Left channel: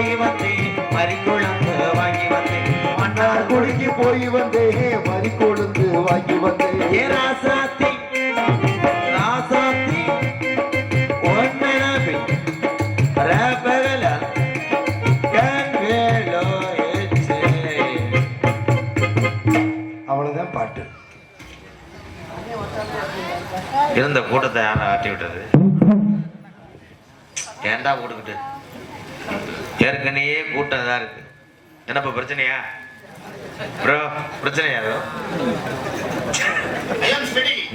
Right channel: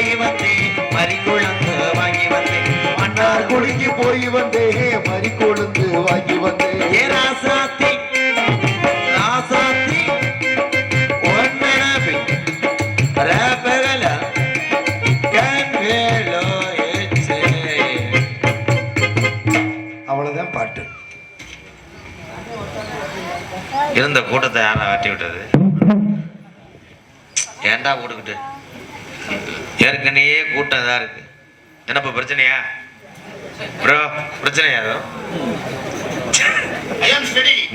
போய் வந்தேன். மறிக்குழந்து வாங்கி வந்தேன். மன்னார் குடிக்கு போய் வந்தேன். வரி கொழுந்து வாங்கி வந்தேன். ஏ ராசாத்தி ராசாத்தி ரபகல கண்வேலோ அவ்வளவுதான் பாட்டு. இருந்த கூட்டத்தை யாரா ஆட்டி விட்டது? ஏன்டா போட்டுக்கிட்டு? ஏற்கனவே கூட்டம் தான் இருக்கு. என்னப்பா பிரச்சனையா? ப்ரோ பிரச்சனையா அது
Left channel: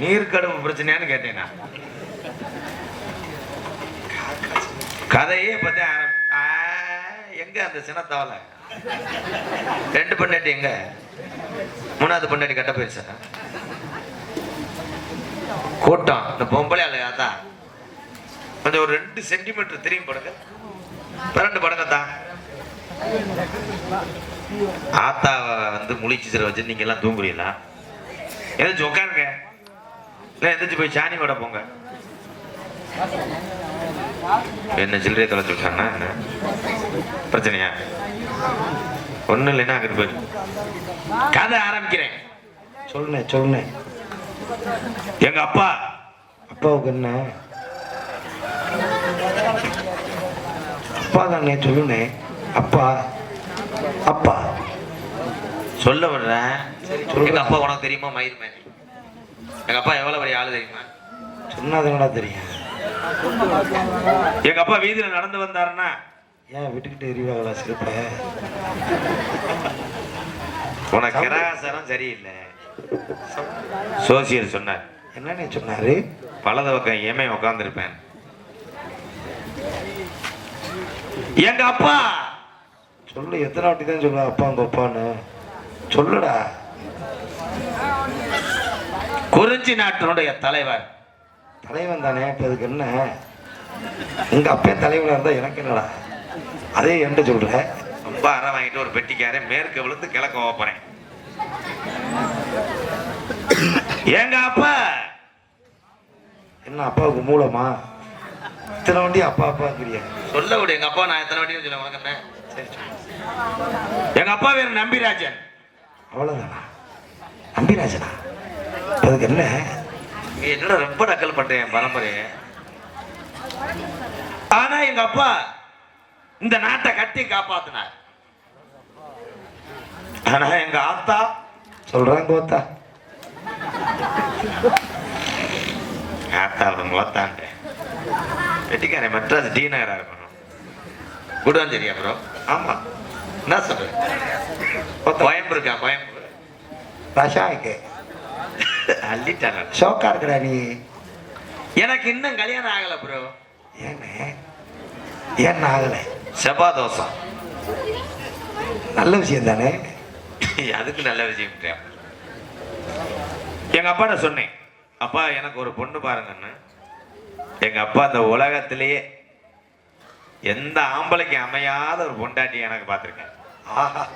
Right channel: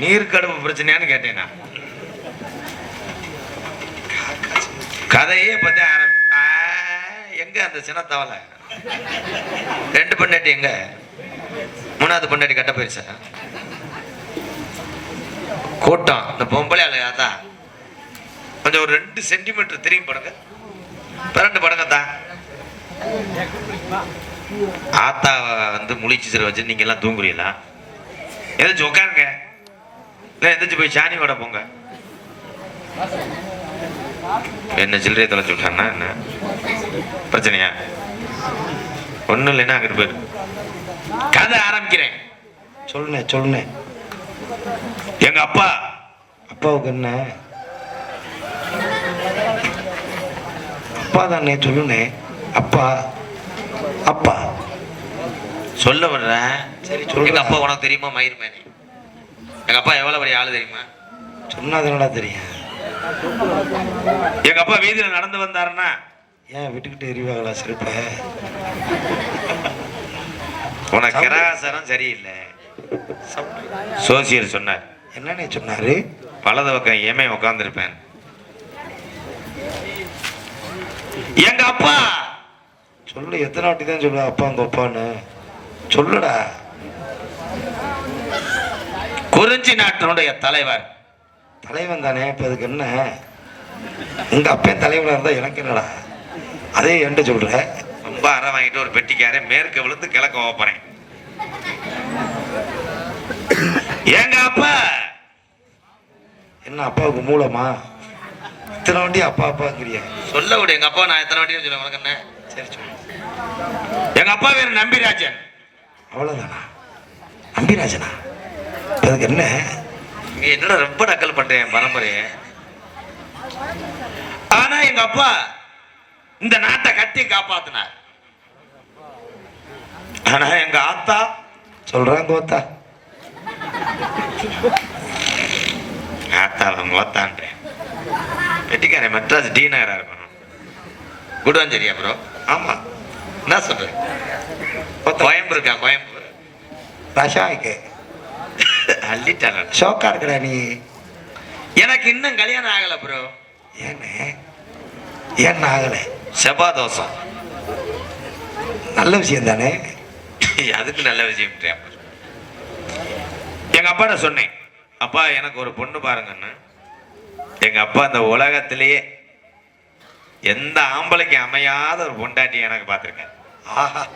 நீர் கடுப்பு பிரச்சனையான்னு கேட்டேன்? கதையே பத்தி ஆரம்பி எங்க அந்த சின்ன தவளை ரெண்டு பொண்டாட்டி எங்க? மூணாவது பொண்டாட்டி கட்ட போயிருச்சா? கூட்டம். இந்த பொம்பளை அலையாதா கொஞ்சம் ஒரு ரெண்டு சென்டிமீட்டர் திரும்பி படுங்க. பிறண்டு படுங்க தான் ஆத்தா வந்து முழிச்சு சிற வச்சு நீங்க எல்லாம் தூங்குறீங்களா? எதாச்சும் உட்காருங்க இல்லை எதாச்சும் போய் சாணி விட போங்க. என்ன சில்லறையை தொலைச்சு விட்டான்னா என்ன? பிரச்சனையா? ஒன்றும் இல்லைன்னா அங்கிட்டு போயிரு. கதை ஆரம்பிக்கிறேன். சொல்லுனே சொல்லுனே எங்க அப்பா. அப்பாவுக்கு என்ன? அப்பா தானே சொல்லுனே அப்பா அப்பா. சொல்ல வர்றேன். எங்க அப்பா உனக்கு தெரியுமா? மயிர் மேனி. எங்க அப்பா எவ்வளவு பெரிய ஆளு தெரியுமா? சொன்னா தெரியும்? எங்க அப்பா வீதியில நடந்து வந்தாருன்னா? ஏன் விட்டுக்கிட்டு எரிவாங்களா சிரிப்ப? உனக்கு கிரகாசரம் சரியில்லை. சோசியல் சொன்னார். என்னன்னே சொன்னாரு? வலது பக்கம் ஏமே உட்காந்துருப்பேன் எங்க அப்பா! சொல்லு எத்தனை வாட்டி தான் சொல்லுவ அப்பா உங்க அப்பான்னு. சொல்லுடா. குறிஞ்சி நாட்டினுடைய தலைவர். தலைவன் தானே இப்ப அதுக்கு என்ன? உங்க அப்பன் தலைவனா இருந்தா எனக்கு என்னடா? அதே என்கிட்ட சொல்ற. ரொம்ப அறை வாங்கிட்டு ஒரு பெட்டிக்காரே மேற்கு விழுந்து கிழக்க போறேன். எங்க அப்பா? என்ன அப்பாவுக்கு மூலமா? இத்தனை வாட்டி அப்பா அப்பாங்கிறிய சொல்ல விடு எங்க அப்பா நான் எத்தனை வாட்டி சொல்ல உனக்கு என்ன? எங்க அப்பா பேர் நம்பிராஜன். அவ்வளவுதானா? நம்பிராஜனா? அதுக்கு என்ன? என்னடா ரொம்ப நக்கல் பண்றேன் பரம்பரைய? ஆனா எங்க அப்பா இந்த நாட்டை கட்டி காப்பாத்தினார். ஆனா எங்க ஆத்தா சொல்றான் கோத்தா ஆத்தா. அவங்க ஓத்தான்றேன் வெட்டிக்காரன் மெட்ராஸ் டி நகரா இருக்கணும். குடுவாஞ்சேரியா ப்ரோ ஆமா. என்ன சொல்றேன் கோயம்புருக்கா கோயம்புத்தூர் ரஷாய்க்கு அள்ளிட்டாங்க ஷோக்கா இருக்கடா நீ. எனக்கு இன்னும் கல்யாணம் ஆகல ப்ரோ ஏன்னு ஏன் ஆகலை? செவ்வாய் தோசம். நல்ல விஷயம் தானே? அதுக்கு நல்ல விஷயம் எங்க அப்பாட்ட சொன்னேன். அப்பா எனக்கு ஒரு பொண்ணு பாருங்கன்னு. எங்க அப்பா இந்த உலகத்திலேயே எந்த ஆம்பளைக்கு அமையாத ஒரு பொண்டாட்டி எனக்கு பார்த்துருக்கேன். ஆஹா.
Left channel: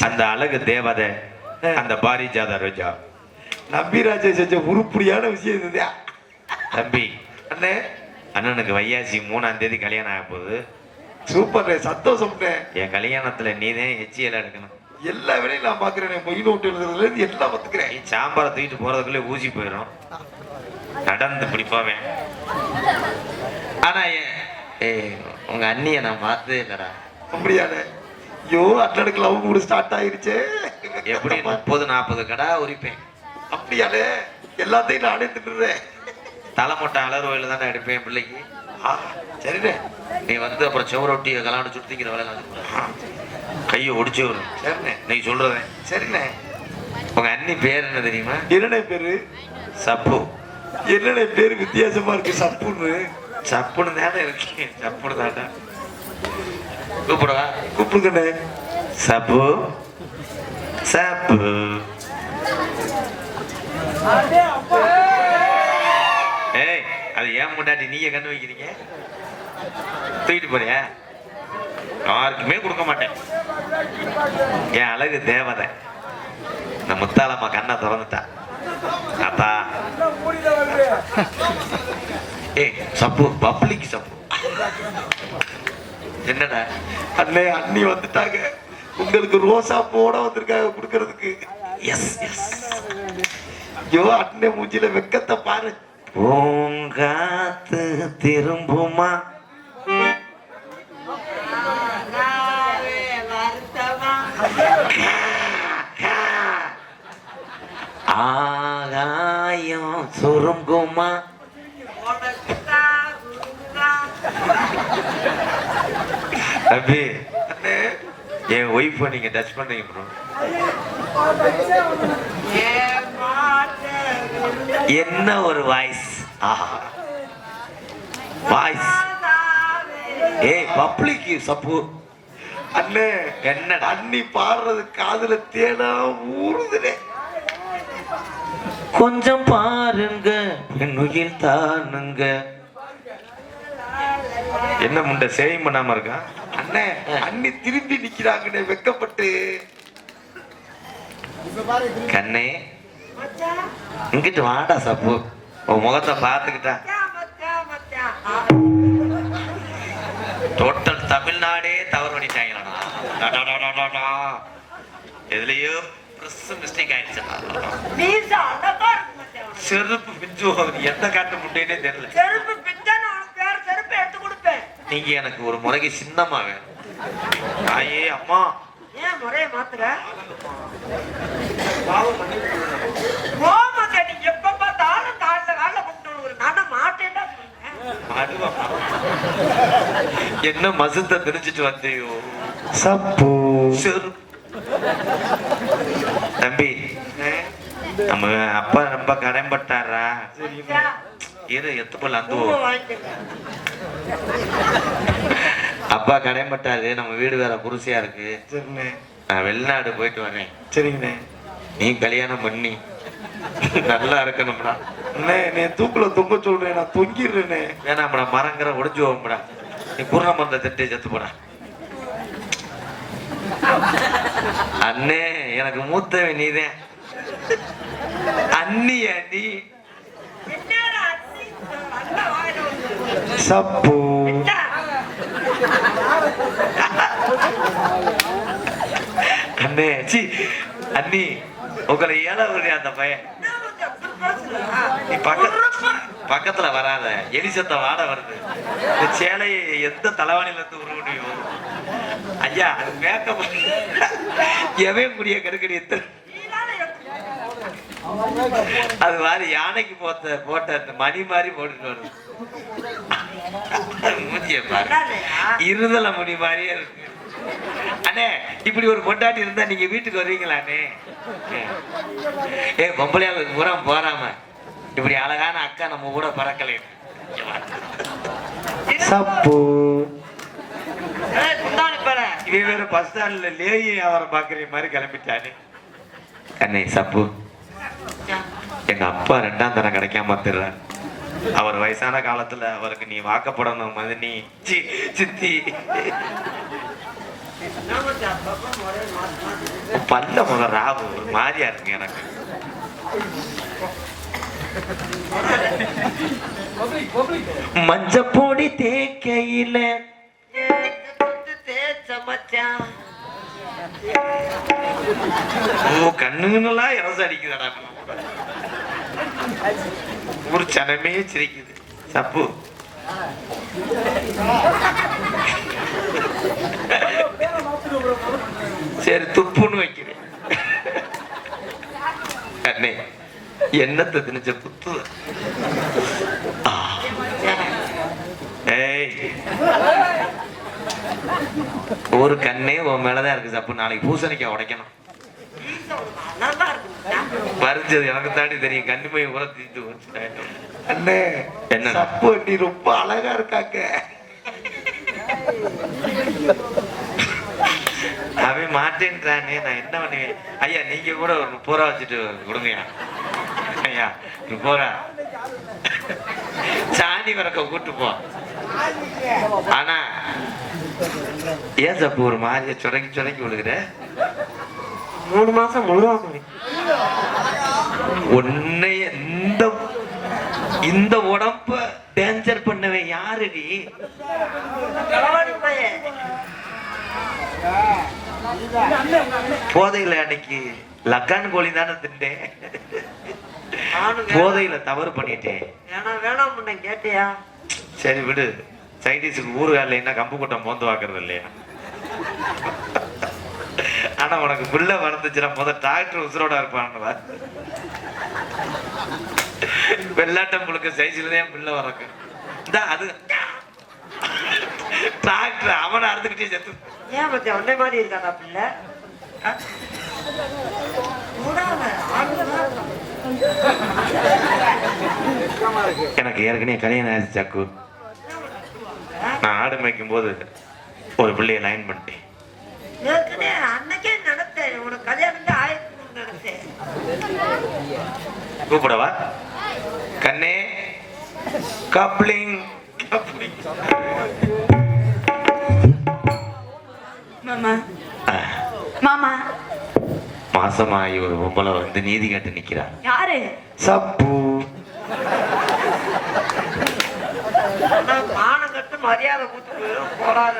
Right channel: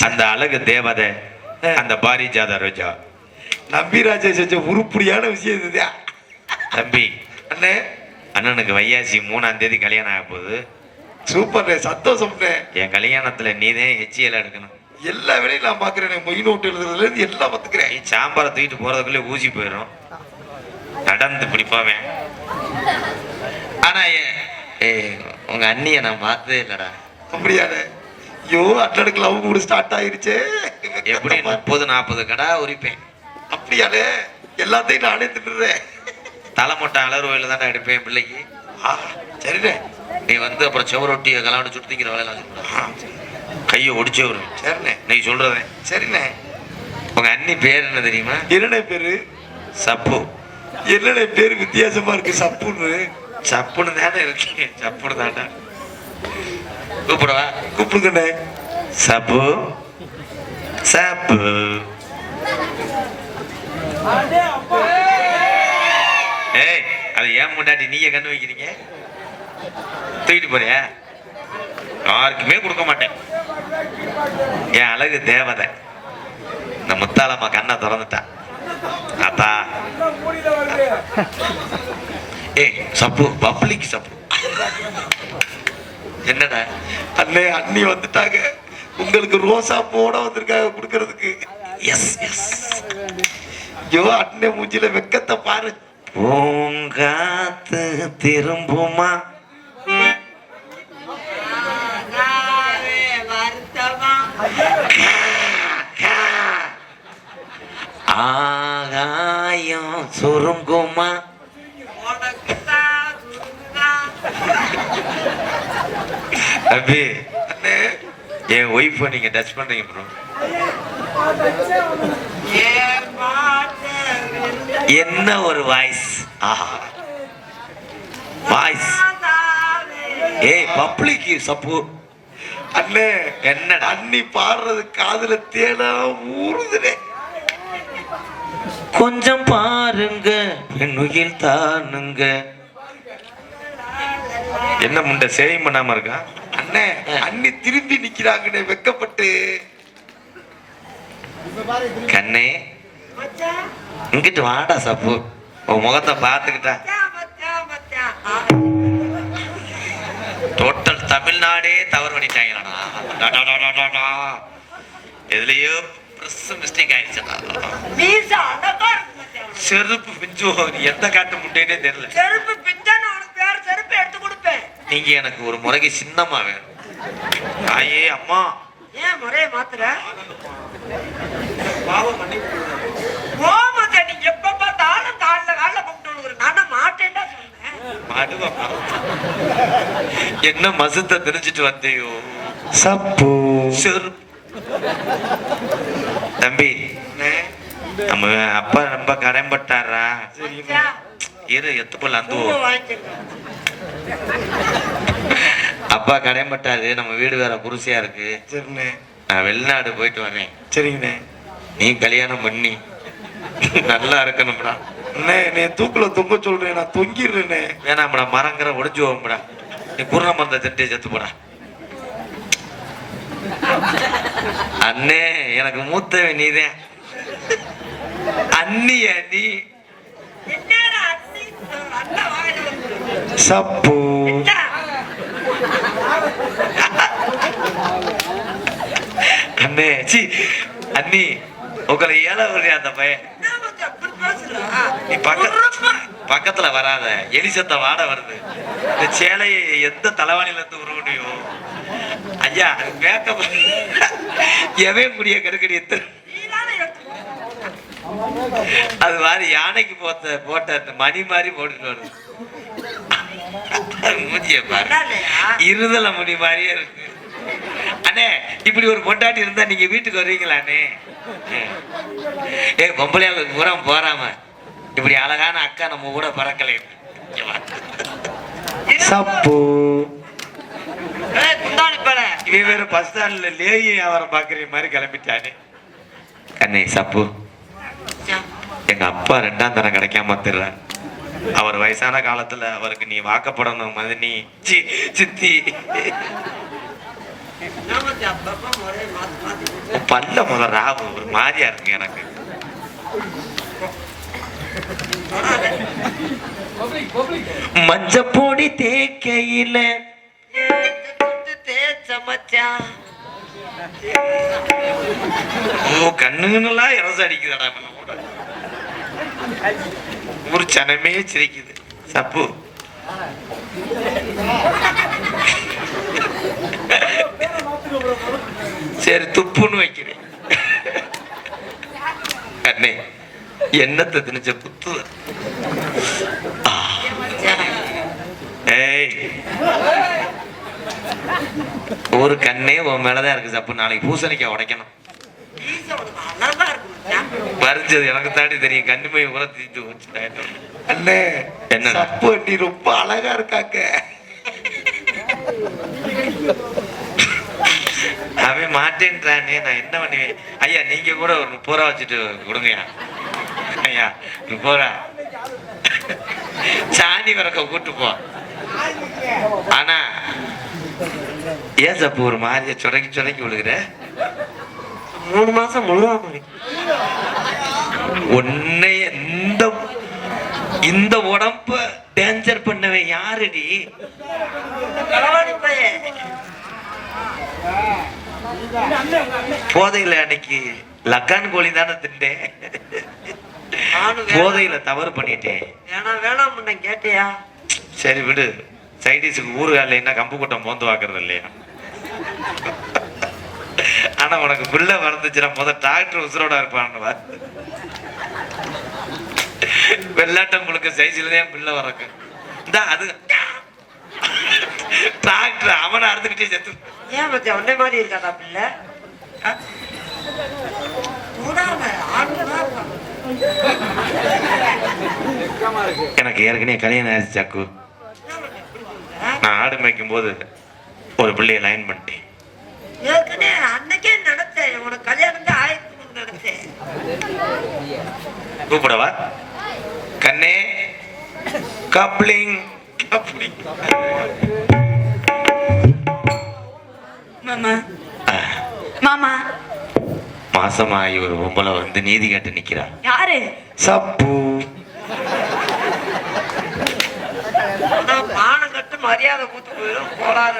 அந்த அழகு தேவதை அந்த பாரிஜாத ரோஜா. நம்பிராஜை செஞ்ச உருப்படியான விஷயம் இதுதான் தம்பி அண்ணே. அண்ணனுக்கு வையாசி மூணாம் தேதி கல்யாணம் ஆக போகுது. சூப்பர்ண்ணே சந்தோஷம்ண்ணே. என் கல்யாணத்துல நீதான் எச்சியல் எடுக்கணும். எல்லா வேலையும் நான் பாக்குறேனே மொய் நோட்டு எழுதுறதுல இருந்து எல்லாம் பாத்துக்கிறேன் நீ சாம்பாரை தூக்கிட்டு போறதுக்குள்ளே ஊசி போயிடும் நடந்து இப்படி போவேன் ஆனா ஏ- ஏய் உங்க அண்ணிய நான் பார்த்ததே இல்லடா. அப்படியாண்ணே? ஐயோ அட்டனுக்கு லவ் கூட ஸ்டார்ட் ஆயிருச்சே. எப்படி முப்பது நாற்பது கடா உரிப்பேன். அப்படியாண்ணே? எல்லாத்தையும் நானே தின்னுறேன் தலைமொட்டை அலர்வையில் தானே எடுப்பேன் பிள்ளைக்கு. ஆ, சரிண்ணே. நீ வந்து அப்புறம் செவரொட்டி கலாண்டு சுத்திக்கிற வேலையெல்லாம். கையை ஒடிச்சு வரும் சரிண்ணே. நீ சொல்றதே. சரிண்ணே. உங்க அண்ணி பேர் என்ன தெரியுமா? என்னண்ணே பேரு? சப்பு. என்னண்ணே பேரு வித்தியாசமா இருக்கு சப்புன்னு. சப்புன்னு தானே இருக்கு சப்புன்னு தாண்டா கூப்பிடவா? கூப்பிடுங்கண்ணே. சப்பு. சப்பு. ஏய் அது ஏன் முன்னாடி நீங்க கண்ணு வைக்கிறீங்க? தூக்கிட்டு போறியா? யாருக்குமே கொடுக்க மாட்டேன். என் அழகு தேவதை. இந்த முத்தாளம்மா கண்ணை திறந்துட்டா. அத்தா ஏய் சப்பு பப்ளிக் சப்பு. என்னடா? அண்ணே அண்ணி வந்துட்டாங்க. உங்களுக்கு ரோசா போட வந்திருக்காங்க கொடுக்கறதுக்கு. எஸ் எஸ் ஐயோ அண்ணே மூஞ்சில வெக்கத்தை பாரு. பூங்காத்து திரும்புமா? ஆகாயம் சுருங்குமா? தம்பி அண்ணே என் ஒய்ஃபை நீங்க டச் பண்றீங்க ப்ரோ என்ன ஒரு வாய்ஸ் ஆஹா. வாய்ஸ் ஏய் பப்ளிக் சப்போர்ட் அண்ணே என்னடா? அண்ணி பாடுறது காதுல தேனா ஊறுதுனே. கொஞ்சம் பாருங்க பெண்ணுயில் தானுங்க. என்ன முண்டை சேவிங் பண்ணாம இருக்கா? அண்ணே அண்ணி திரும்பி நிக்கிறாங்கண்ணே வெக்கப்பட்டு. கண்ணே. இங்கிட்டு வாடா சப்பு. உன் முகத்தை பார்த்துக்கிட்டா. டோட்டல் தமிழ்நாடே தவறு பண்ணிட்டாங்களாடா. எதுலயோ ப்ரெஸ் மிஸ்டேக் ஆயிடுச்சுடா செருப்பு பிஞ்சு. எந்த காட்டு முட்டைனே தெரியல. செருப்பு உனக்கு வேற செருப்பு எடுத்து கொடுப்பேன். நீங்க எனக்கு ஒரு முறைக்கு சின்னமா வேணும். தாயே அம்மா. ஏன் முறைய மாத்துற? ஓமத்தை நீ எப்ப பார்த்தாலும் காலைல காலைல கூப்பிட்டு ஒரு நான மாட்டேன்டா என்ன மசுத்த தெரிஞ்சிட்டு வந்தியோ? சப்பு. தம்பி நம்ம அப்பா ரொம்ப கடன்பட்டாரா பூவை அந்துவோம் வாங்கிக்க. அப்பா கடன்பட்டாரு நம்ம வீடு வேற புருஷையா இருக்கு. சரிண்ணே. நான் வெளிநாடு போயிட்டு வரேன். சரிங்கண்ணே. நீ கல்யாணம் பண்ணி. நல்லா இருக்கணும்டா. அண்ணே நீ தூக்குல தொங்க சொல்றேன் நான் தொங்கிடுறேனே வேணாம்டா மரங்கிற ஒடிஞ்சு போகும்டா. நீ குருண மருந்த திட்டி செத்து போடா. அண்ணே எனக்கு மூத்தவன் நீதான். அண்ணிய நீ என்னடா அண்ணி, அண்ணன் வாயில வந்து. சப்பு. அண்ணே சி அண்ணி உங்களை ஏழை விடுறியா அந்த பையன். நீ பக்க பக்கத்துல வராத. எலிசத்த வாட வருது. இந்த சேலையை எந்த தலைவாணில இருந்து உருவ முடியும் ஐயா அது மேக்கப். எவன் முடிய கருக்கடி எத்தனை அது மாதிரி யானைக்கு போட்ட போட்ட அந்த மணி மாதிரி போட்டுட்டு வருது மூஞ்சிய பாரு? இருதல முடி மாதிரியே இருக்கு. அண்ணே இப்படி ஒரு பொண்டாட்டி இருந்தா நீங்க வீட்டுக்கு வருவீங்களா அண்ணே? ஏ பொம்பளையாளுக்கு பூரா போறாம இப்படி அழகான அக்கா நம்ம கூட பறக்கலை. சப்பு. இவன் வேற பஸ் ஸ்டாண்ட்ல லேயி வியாபாரம் பாக்குற மாதிரி கிளம்பிட்டானே. கண்ணே சப்பு. எங்க அப்பா ரெண்டாம் தரம் கிடைக்காம திர்றார் அவர் வயசான காலத்துல அவருக்கு நீ வாக்கப்படணும் மதினி. சித்தி. பல்ல முத ராவு ஒரு மாதிரியா இருக்கு எனக்கு. மஞ்சப்பொடி தேக்கையில தேச்ச மச்சான் கண்ணுங்கெல்லாம் இறச அடிக்குதாடா நம்ம கூட. ஊர் சனமே சிரிக்குது. சப்பு. சரி துப்புன்னு வைக்கிறேன். அண்ணே என்னத்தை திணிச்ச புத்து ஏய். ஒரு கண்ணே உன் மேலதான் இருக்கு சப்பு. நாளைக்கு பூசணிக்காய் உடைக்கணும். பறிச்சது எனக்கு தாண்டி தெரியும். கண்ணுமை கூட தீர்த்து வச்சு அண்ணே என்ன? சப்பு நீ ரொம்ப அழகா இருக்காங்க அவன் மாட்டேன்றானே நான் என்ன பண்ணுவேன்? ஐயா நீங்க கூட ஒரு முப்பது ரூபா வச்சுட்டு கொடுங்கய்யா. ஐயா முப்பது ரூபா. சாணி வரக்க கூட்டு போ. ஆனா ஏன் சப்பு ஒரு மாதிரியா சுரங்கி சுரங்கி விழுகிற? மூணு மாசம் முழுவாம உன்னை இந்த இந்த உடம்ப டேஞ்சர் பண்ணவன் யாருடி. போதையில அன்னைக்கு லக்கான் கோழி தானே திண்டேன். போதையில தவறு பண்ணிட்டேன். வேணாம் வேணாம் கேட்டியா? சரி விடு. சைடிஸுக்கு ஊறுகால என்ன கம்பு கூட்டம் மோந்து வாக்குறது இல்லையா? ஆனா உனக்கு பிள்ளை வளர்ந்துச்சுன்னா முத டாக்டர் உசுரோட இருப்பான்னு வெள்ளாட்டம் முழுக்க சைஸ்ல தான் பிள்ளை வரக்கு இந்த அது. டாக்டர் அவனை அறுத்துக்கிட்டே செத்து. ஏன் மச்சான் உன்னை மாதிரி இருக்காடா பிள்ளை இருக்கான். எனக்கு ஏற்கனவே கல்யாணம் ஆயிடுச்சு சக்கு. நான் ஆடு மேய்க்கும் போது ஒரு பிள்ளைய லைன் பண்ணிட்டேன். ஏற்கனவே அன்னைக்கே நடத்தேன் உனக்கு கல்யாணம் ஆயிரத்தி நடத்தேன் கூப்பிடவா? கண்ணே கப்ளிங் கப்ளிங். மாமா. மாமா. மாசமாகி ஒரு பொம்பளை வந்து நீதி கேட்டு நிக்கிறா. யாரு? சப்பு. கட்டு மரியாதை கூத்து போயிடும் போடாத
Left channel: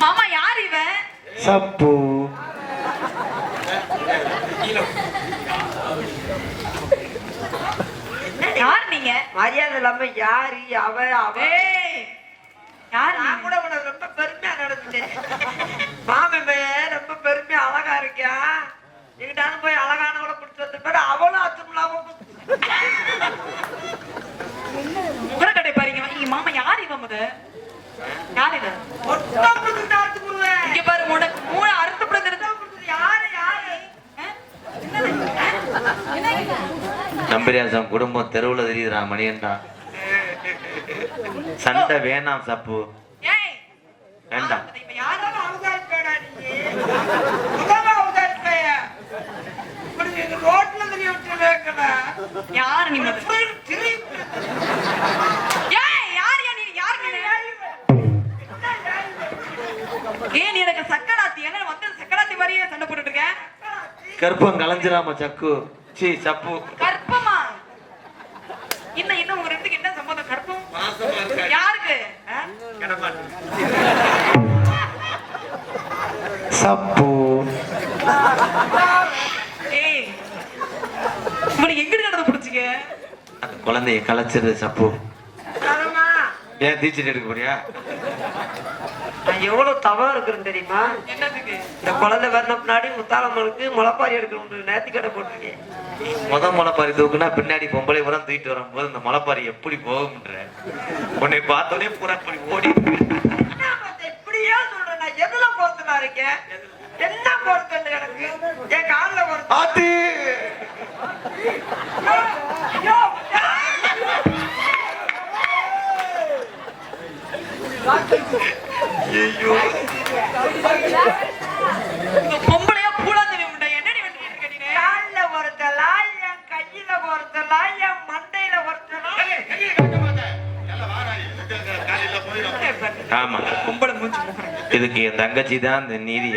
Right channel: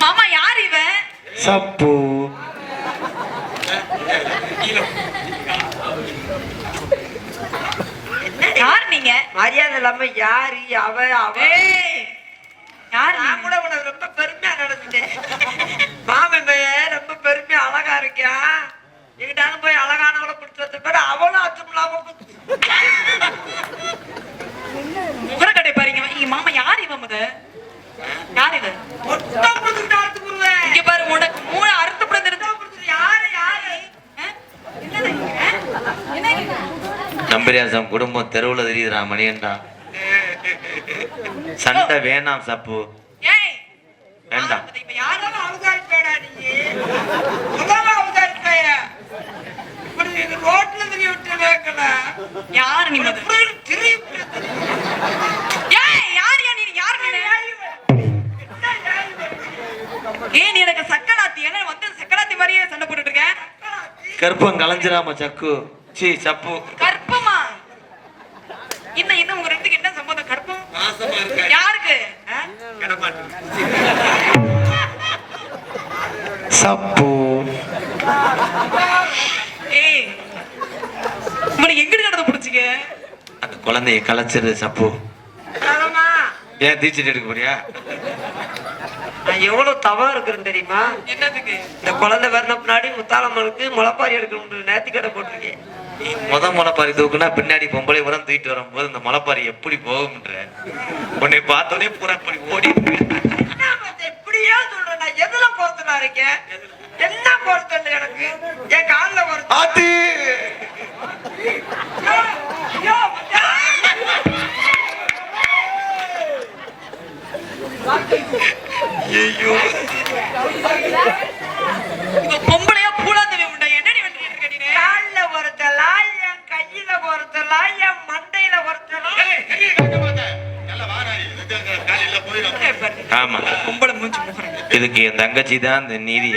மாமா யார் இவன்? சப்பு. யார் நீங்க? மரியாதை இல்லாம யாரு அவ அவ? யார் நான் நீங்க? கூட உனக்கு ரொம்ப பெருமையா நடந்துட்டேன். மாமன் ரொம்ப பெருமையா அழகா இருக்கான் எங்கிட்டாலும் போய் அழகானவளை பிடிச்சி வச்சிருப்பாரு அவளும் அச்சம் இல்லாம முகரக்கட்டை பாருங்க இங்க மாமா யார் இவன் முத? யார் போடுவேன். இங்க பாரு உனக்கு மூணு அறுத்து பிறந்திருந்தா யாரு யாரு? நம்பரியாசம் குடும்பம் தெருவுல தெரியுதுடா மணியன்டா சண்டை வேணாம் சப்பு. ஏய் வேண்டாம் இப்ப யாரு யாரும் அவதாரிப்பேடா நீ முதல்ல அவதாரிப்பைய இப்படி நீங்க ரோட்ல தெரிய விட்டு வைக்கல யார் நீ யா நீ? எனக்கு சக்கராத்தி. என்ன வந்து சக்கராத்தி மாதிரியே சண்டை போட்டுட்டு இருக்க? கருப்பம் கலைஞ்சிராம சக்கு. சி சப்பு. கற்பமா இன்னும் இன்னும் உங்க ரெண்டுக்கு என்ன சம்பந்தம்? கற்பம் யாருக்கு? சப்பு. இவனை எங்கிட்டு கடந்து பிடிச்சிக்க? அந்த குழந்தைய கலைச்சிரு சப்பு. ஏன் தீச்சிட்டு எடுக்க போறியா? நான் எவ்வளவு தவம் இருக்குன்னு தெரியுமா? என்னதுக்கு? இந்த குழந்தை பிறந்த பின்னாடி முத்தாளம்மனுக்கு முளைப்பாரி எடுக்கணும் நேர்த்தி கடை போட்டிருக்கேன். முத முளைப்பாரி தூக்குனா பின்னாடி பொம்பளை உரம் தூக்கிட்டு வரும்போது இந்த முளைப்பாரி எப்படி போகும்ன்ற. உன்னை பார்த்தோன்னே பூரா அப்படி ஓடி இப்படியே சொல்றேன். நான் எதுல பொறுத்தனா இருக்கேன்? என்ன பொறுத்தல் எனக்கு? என் கால்ல பொறுத்த ஐயோ, பொம்பளையா பூலாந்தவி உண்டா. நீ கால்ல பொறுத்தலா என் கையில பொறுத்தலா என் மண்டையில பொறுத்தலா இதுக்கு என் தங்கச்சி தான் இந்த நீதி.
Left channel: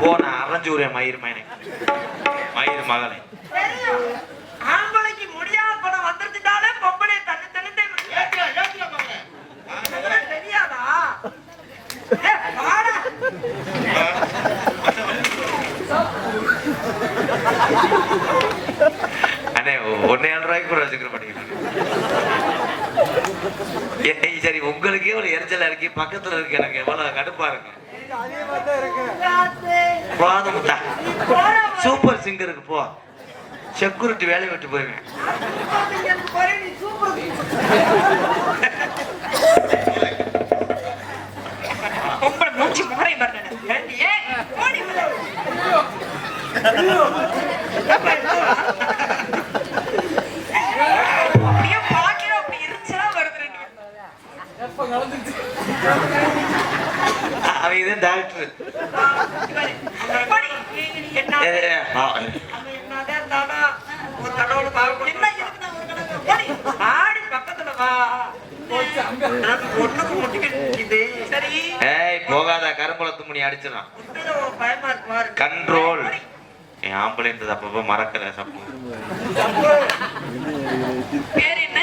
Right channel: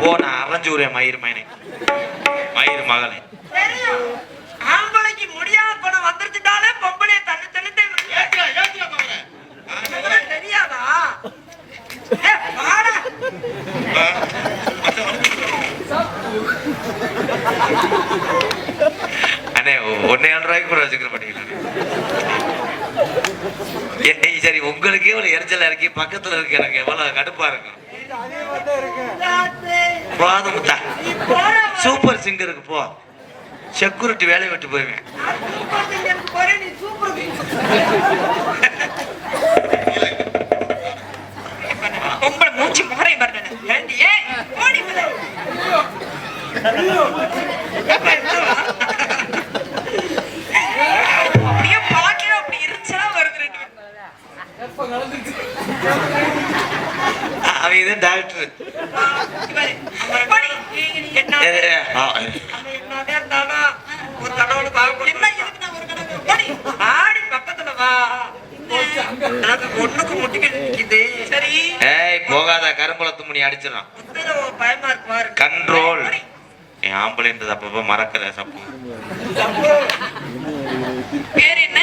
போன அரஞ்சூரிய மயிர் மயனை மயிர் மகனை. ஆம்பளைக்கு முடியாத படம் வந்துருச்சுட்டாலே பொம்பளைய தண்ணி தண்ணி தெரியாதா? அண்ணே ஒன்னே ஏழு ரூபாய்க்கு கூட உங்களுக்கே ஒரு எரிச்சலா இருக்கு பக்கத்துல இருக்கு எனக்கு எவ்வளவு கடுப்பா இருக்கும் போதும் சூப்பர் சிங்கருக்கு போ. செக்யூரிட்டி வேலையை விட்டு போயிருவேன். பொம்பளை மூச்சு நிக்குது. சரி. ஏய் போகாத கருங்குளத்து முனி அடிச்சிடும் கண்ட்ரோல். என் ஆம்பளைன்றது அப்பப்ப மறக்கிற சப்பு. பேர் என்ன?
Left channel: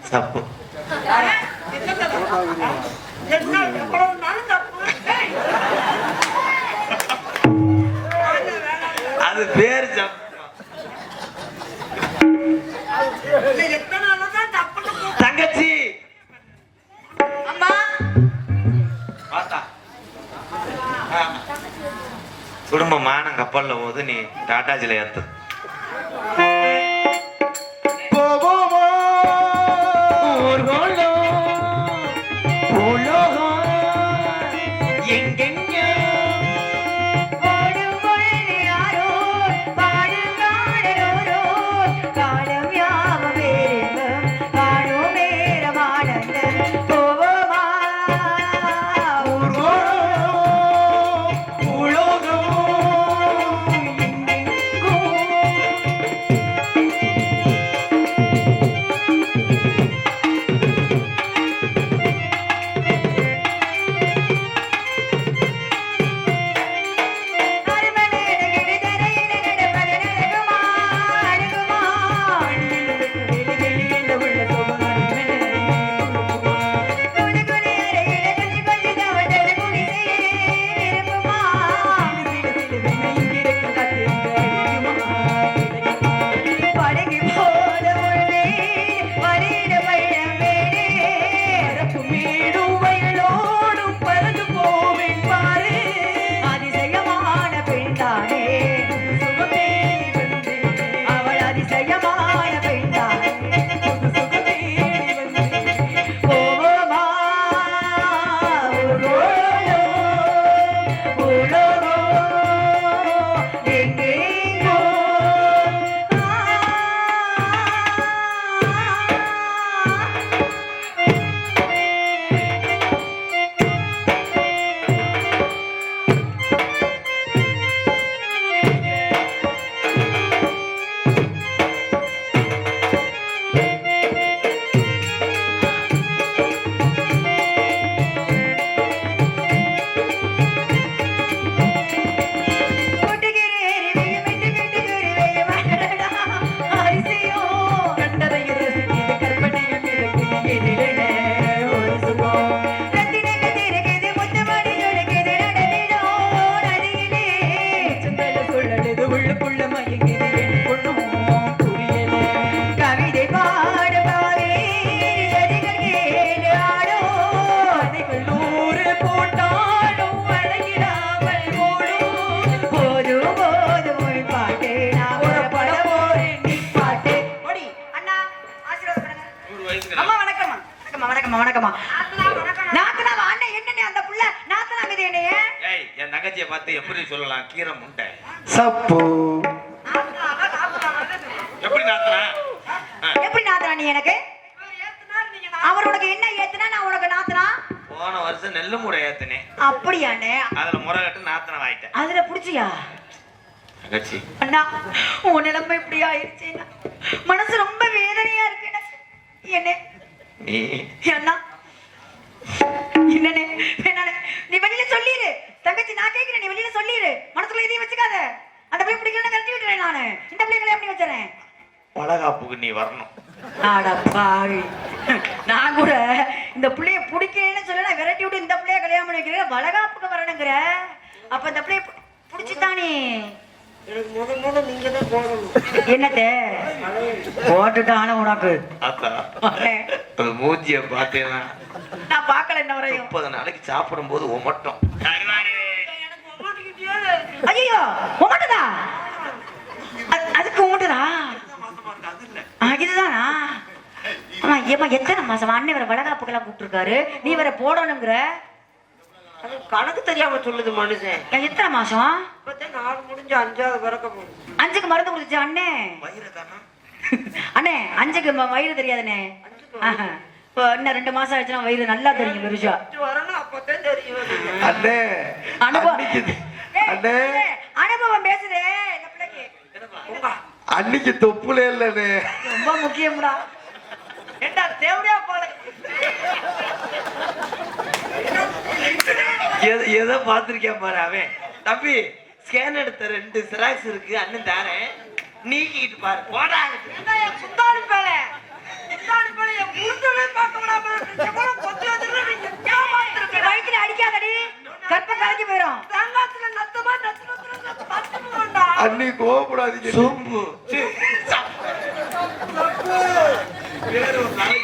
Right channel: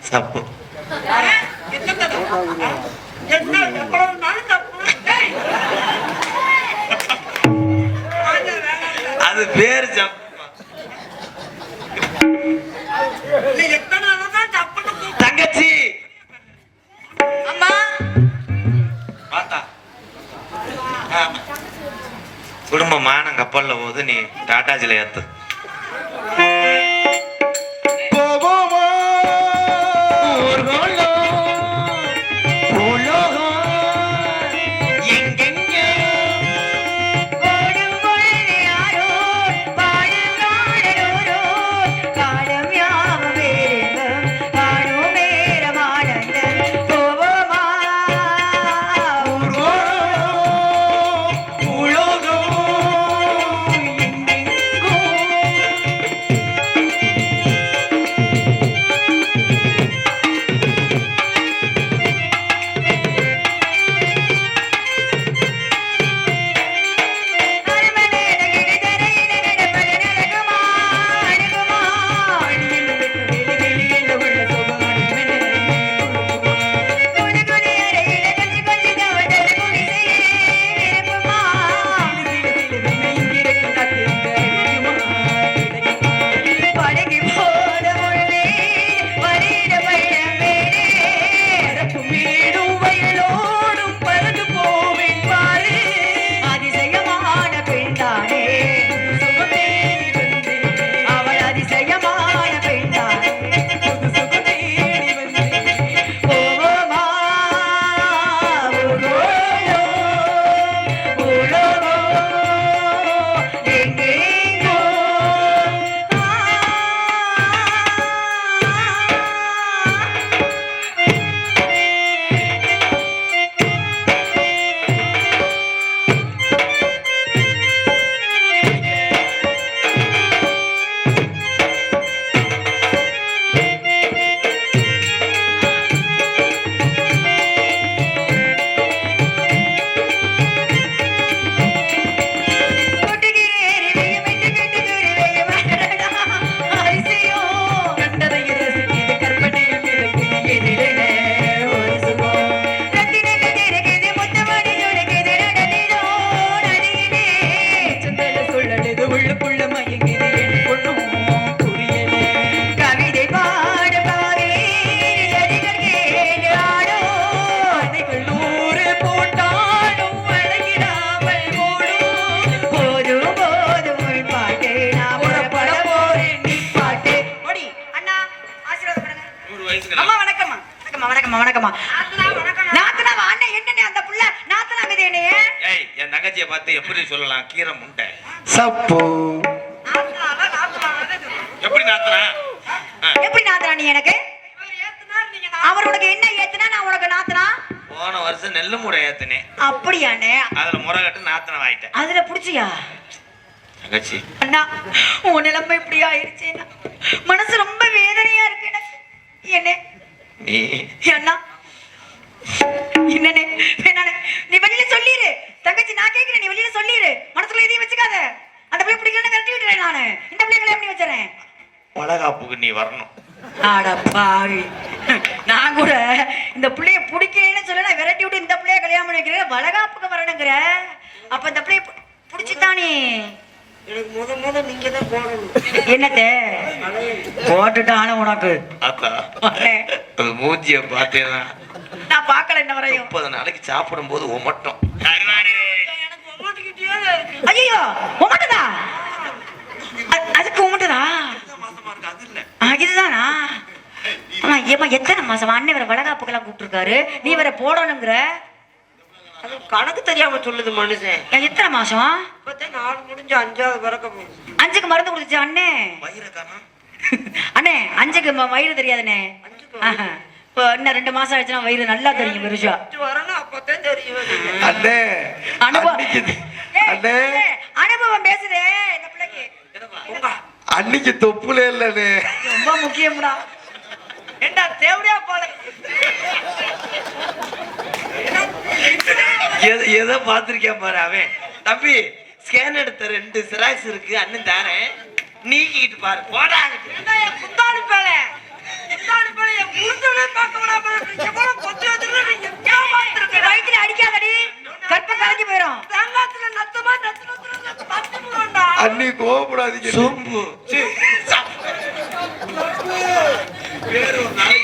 சப்பு. என்ன எவ்வளவு அது பேர் தான் தங்கச்சி. அம்மா பார்த்தா கப்பல்ல போது நீ டாட்டாஜில ஏத்து வணக்கம்மா வணக்கம்மா. நாத்தனாவா அண்ணன் என்னண்ணே அந்த புள்ள? நாத்தனா மீது என்னைய? ஏய் என் தங்கச்சியை பார்த்து எப்படி சொல்லலாம்? கீரை முண்டை. சப்பு. எப்படி நாத்தனா? எப்படி நாத்தனா நீ எனக்கு? அவர் உனக்கு என்ன ஏத்துனா நான் உனக்கு நாத்தனா? போன வருஷம் நெல்லு மூடை ஏத்துனேன். அப்படியாண்ணே. அதுல முறை கட்டு நாத்தனை வாங்கிட்டேன். அதுல புடிச்சியா? தங்கச்சி. அண்ணா உன் நிலைமை இப்படி ஆயிடுச்சுன்னா மனசு ரொம்ப வேதனையா இருக்கு எனக்கு. என்ன நீ அண்ணா. வேணாண்ணே. நீ வெளியில சொல்லிடு தங்கச்சி நான் கேட்கிறேன் நீ வெளியில சொல்லிடு மனசுல எதையும் வச்சுக்காத. அந்த பிள்ளை பிடிக்கலன்னு கழட்டி விட்டுறேன் நானு. இந்த பிள்ளை கல்யாணம் பண்ணி வச்சுறேன் வளகாப்புக்கு நீ வரணும். ஆட பாவி. நான் கூட இந்த பிள்ளைய பிடிக்கலன்னு சொல்ல நான் விரட்டி விட்டு இந்த பிள்ளைய கல்யாணம் பண்ணி வைக்கிறேன் வளகாப்புக்கு வரணுங்கிற. அப்ப இந்த பிள்ளைய பிடிச்சுதானே எனக்கு முத முத நீங்க தான் போடணும். என்னத்தே? போட்டுட்டான உனக்கு. அண்ணே, அந்த மூஞ்சிய நான் பார்க்கல இன்ன வரையும். முப்பது நாளைக்கு சாப்பிடும் போது உமட்டும் ஐயோ உமட்டுதா அது- அதுக்கு உமட்டுதா இதுதானா? ஆமா ஏமா எத்தனை மாசம்? அண்ணன் வேற வளகாப்புக்கெல்லாம் கூப்பிட்டுருக்காரு. நீ வேற போடணுங்கிற. கணக்கு தெரியாம சொல்லுது மனுஷன். எத்தனை மாசம்? இப்பதான் நாலு முடிஞ்சு அஞ்சாவது பிறக்க போகுது. அஞ்சுக்கு மருந்து கொடுத்துச்சு அண்ணே? அண்ணே அஞ்சுக்கு வயிறு தெரியாதுண்ணே. ஆஹா. இப்போ இன்னும் ரெண்டு மாசம் ஆச்சுன்னா வயிறு நல்லா தெரியும் பெருசா. அஞ்சு வரணும் அப்பதான் தெரியும் அண்ணே அனுபவம். அண்ணே. அனுபவம் பேசுதே இந்த பிள்ளைக்கு. அன்னைக்கு தொப்புல இல்லண்ணே. ரொம்ப முக்கியம்டா. ஏண்டா தேவடியா போல? எதை எதை பார்த்திருக்கேன் பாரு அவன். தம்பி ஸ்கேன் எடுத்த ரெண்டு சிராக்ஸ் இருக்கு அண்ணன் தாரேன். நீக்கிட்டு பாரு போடா. குந்தாணி பேல குந்தாணி பேல என் முழுந்தவே பார்க்க விடாம எவ்வளவு பொத்து வயிற்றுல அடிக்காதடி. கற்பம் கலைஞ்சு போயிடும் தேங்காத்துல நத்தமா நத்து நத்து பத்து விடுவாண்டா அண்ணி கோவப்படாதீங்க. சோம்பு.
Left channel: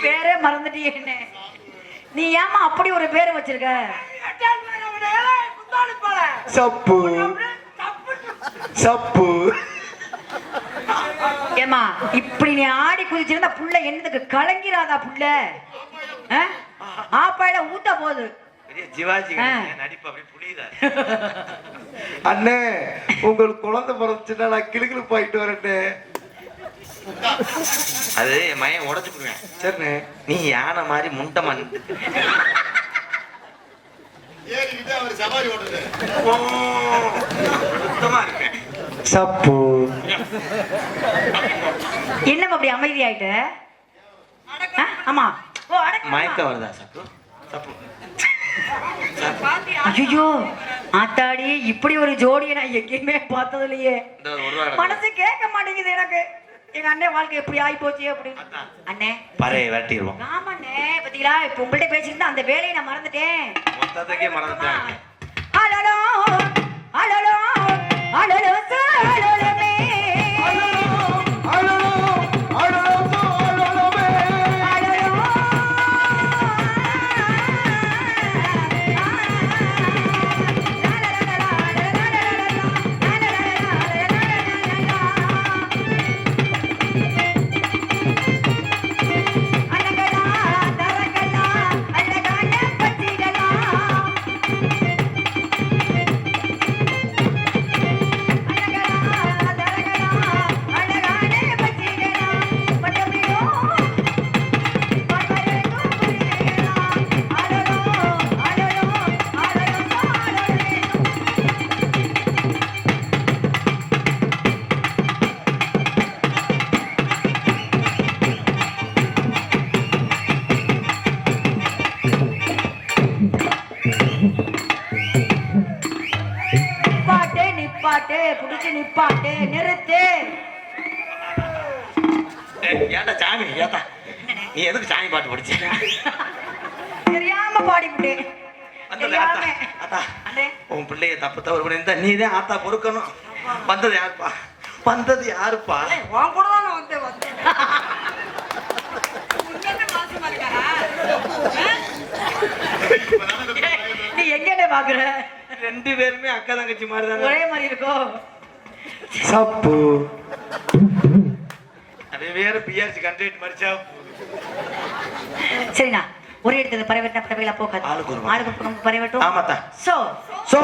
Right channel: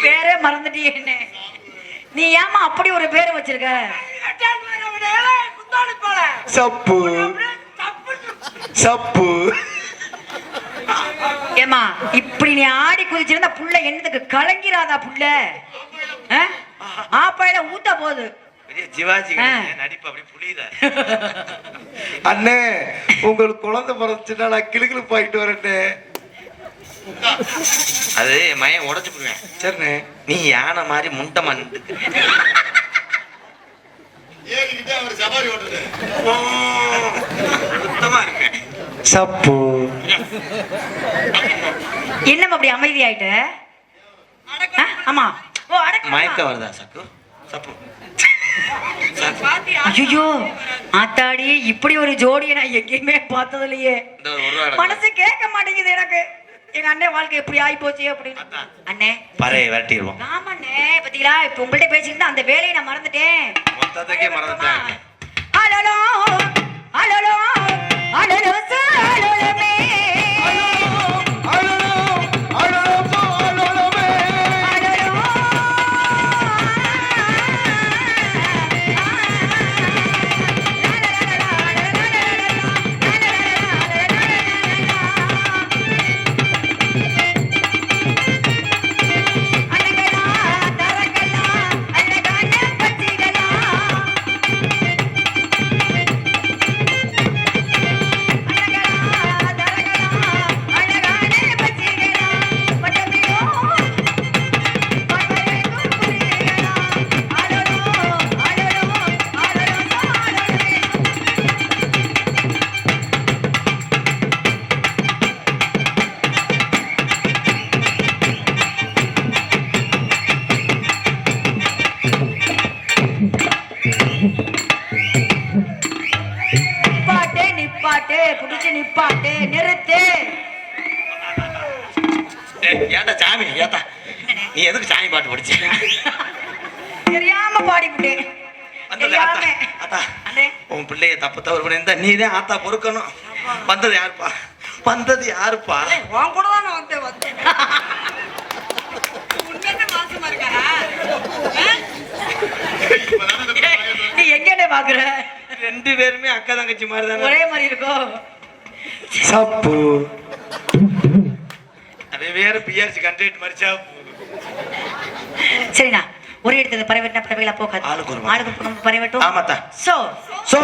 பேரே மறந்துட்டியே என்ன. நீ ஏமா அப்படி ஒரு பேர் வச்சிருக்க? சப்பு. சப்பு. ஏமா இப்படி நீ ஆடி குதிச்சிருந்தா புள்ள என்னதுக்கு கலங்கிறாதா புள்ள? ஆ? ஆப்பாயில ஊட்ட போகுது அண்ணே உங்களுக்கு குழந்தை பிறந்துச்சுன்னா நான் கிளுகிழு போயிட்டு வரேன்னே அது மயன் உடச்சு போடுவேன். சரிண்ணே. நீ யானை மாதிரி முண்டை இருக்கேன் சப்பு. அப்படி அமைதி ஆயிட்ட? ஆமா. மயக்கம் வருதா சக்கு சப்பு. ஐயோ ஆத்தாடி இப்படி ஒரு ஜோடியை நான் எங்கேயுமே பார்த்தது இல்லையே இந்த ஒரு ரூபா கிடக்கு. மனசு கேட்க மாட்டேங்குது எனக்கு. எங்க அண்ணன் வாழ்க்கை எப்படி ஆகி போச்சு அப்படின்னு. அண்ணே. பறையை விரட்டிடுவோம். ஆமாண்ணே பாத்தீங்களா? இப்ப உங்கள்ட்ட பேசிக்கிட்டு அந்த வேலையை நான் மறந்துட்டேன். மொத்தத்துக்கே மறந்துட்டேன். ஏன்டா சாமி? ஏத்தா நீ எதுக்கு சாமி பாட்டு படிச்ச? தெரியாம பாடிவிட்டேன். உன் பிள்ளைய தப்பு தவறு பண்ணியிருந்தா நீ தான் ஆத்தா பொறுக்கணும். வந்தது யாருப்பா? வந்தது யாருப்பா? உன் கூட தான் வந்தேன் வந்தேன். நீ எங்கன்னு பாக்குற ரெண்டு பேருமே அக்கா தங்கச்சி மாதிரி தானே. ஒரே மாதிரி இருக்கும் சப்பு. அவன் வேற பிஆர்சி கண்டக்ட் மறிச்சா சரிண்ணா ஒரே இடத்துல பறவைட்டா பறவைகளா போகாது. ஆளுக்கு ஒரு ஆளுக்கு பறவைட்டும் ஆமாத்தா. So so